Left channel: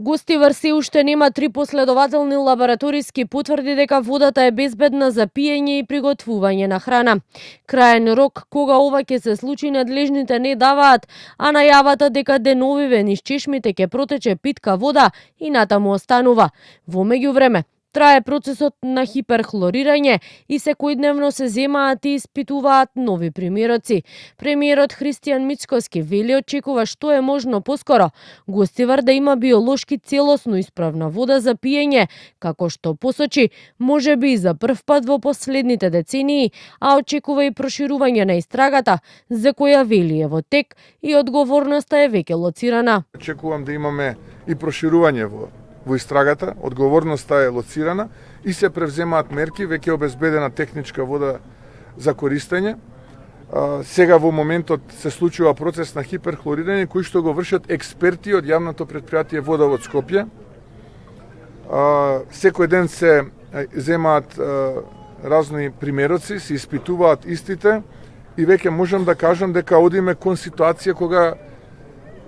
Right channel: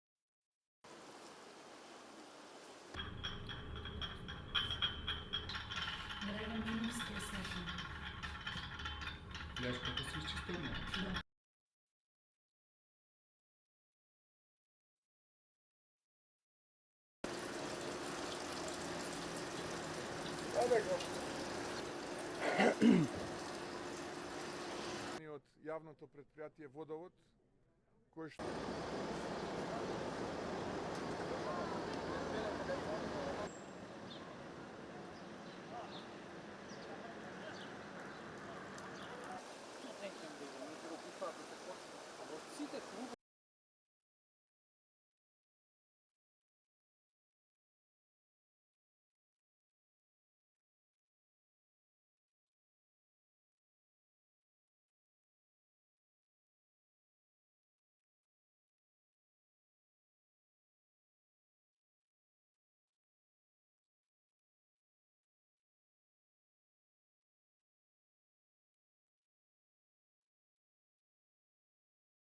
Гостивар се уште нема 3 последователни лабораториски потврди дека водата е безбедна за пиење и приготвување на храна. Краен рок кога ова ќе се случи надлежните не даваат, а најавата дека деновиве низ чешмите ќе протече питка вода и натаму останува. Во меѓувреме, трае процесот на хиперхлорирање и секојдневно се земаат и испитуваат нови примероци. Премиерот Христијан Мицкоски вели очекува што е можно поскоро Гостивар да има биолошки целосно исправна вода за пиење, како што посочи, можеби и за прв пат во последните децении, а очекува и проширување на истрагата, за која вели е во тек и одговорноста е веќе лоцирана. Очекувам да имаме и проширување во истрагата, одговорноста е лоцирана и се превземаат мерки, веќе обезбедена техничка вода за користење. Сега во моментот се случува процес на хиперхлорирање кој што го вршат експерти од јавното претпријатие Водовод Скопје. Секој ден се земаат разни примероци, се испитуваат истите и веќе можам да кажам дека одиме кон ситуација кога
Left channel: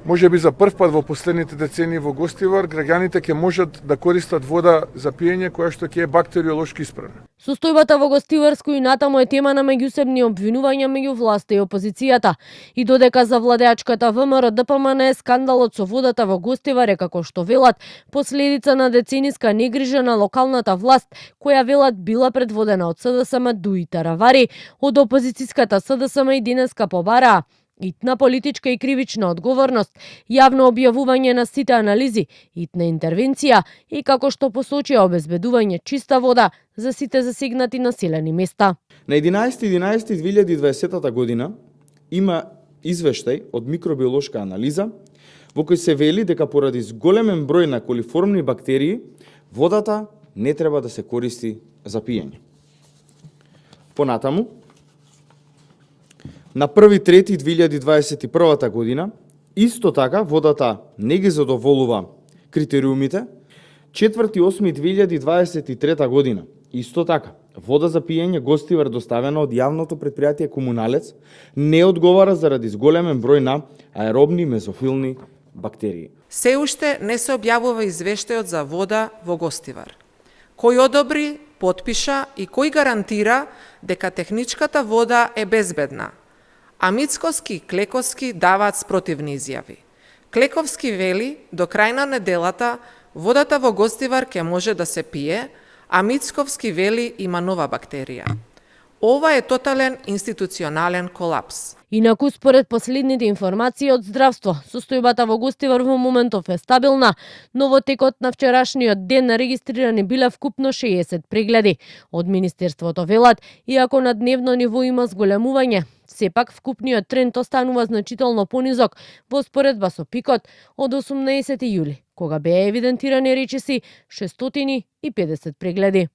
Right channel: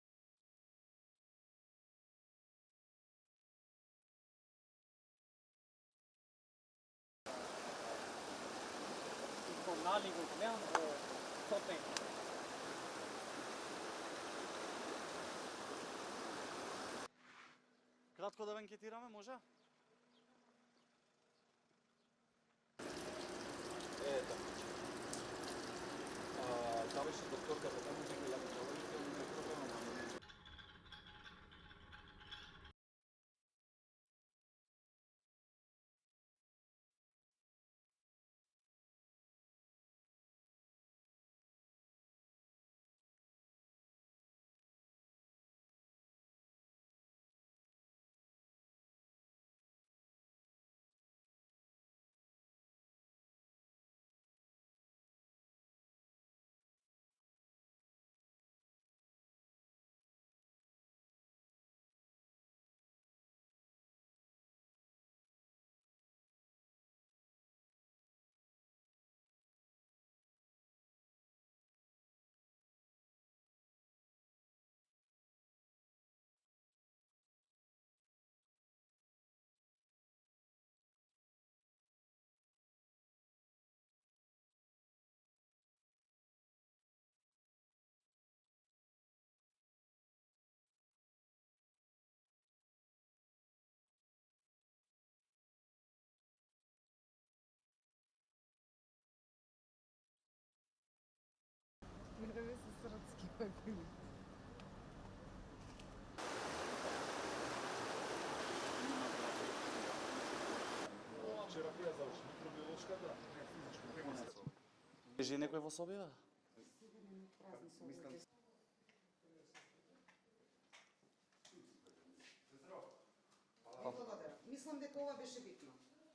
можеби за прв пат во последните децении во Гостивар граѓаните ќе можат да користат вода за пиење која што ќе е бактериолошки исправна. Состојбата во Гостиварско и натаму е тема на меѓусебни обвинувања меѓу власта и опозицијата. И додека за владеачката ВМРО ДПМН е скандалот со водата во Гостивар е, како што велат, последица на децениска негрижа на локалната власт, која велат била предводена од СДСМ Дуи Таравари, од опозицијската СДСМ и денеска побараа итна политичка и кривична одговорност, јавно објавување на сите анализи, итна интервенција и, како што посочија, обезбедување чиста вода за сите засегнати населени места. На 11.11.2020 година има извештај од микробиолошка анализа во кој се вели дека поради зголемен број на колиформни бактерии водата не треба да се користи за пиење. Понатаму, на 1.3.2021 година, исто така водата не ги задоволува критериумите. 4.8.2023 година, исто така, вода за пиење Гостивар доставена од јавното претпријатие Комуналец не одговара заради зголемен број на аеробни мезофилни бактерии. Се уште не се објавува извештајот за вода во Гостивар. Кој одобри, потпиша и кој гарантира дека техничката вода е безбедна? А Мицкоски и Клековски даваат спротивни изјави. Клековски вели до крај на неделата водата во Гостивар ќе може да се пие, а Мицковски вели има нова бактерија. Ова е тотален институционален колапс. Инаку, според последните информации од здравство, состојбата во Гостивар во моментов е стабилна, но во текот на вчерашниот ден регистрирани биле вкупно 60 прегледи. Од Министерството велат, иако на дневно ниво има зголемување, сепак вкупниот тренд останува значително понизок во споредба со пикот од 18 јули, кога беа евидентирани речиси 650 прегледи.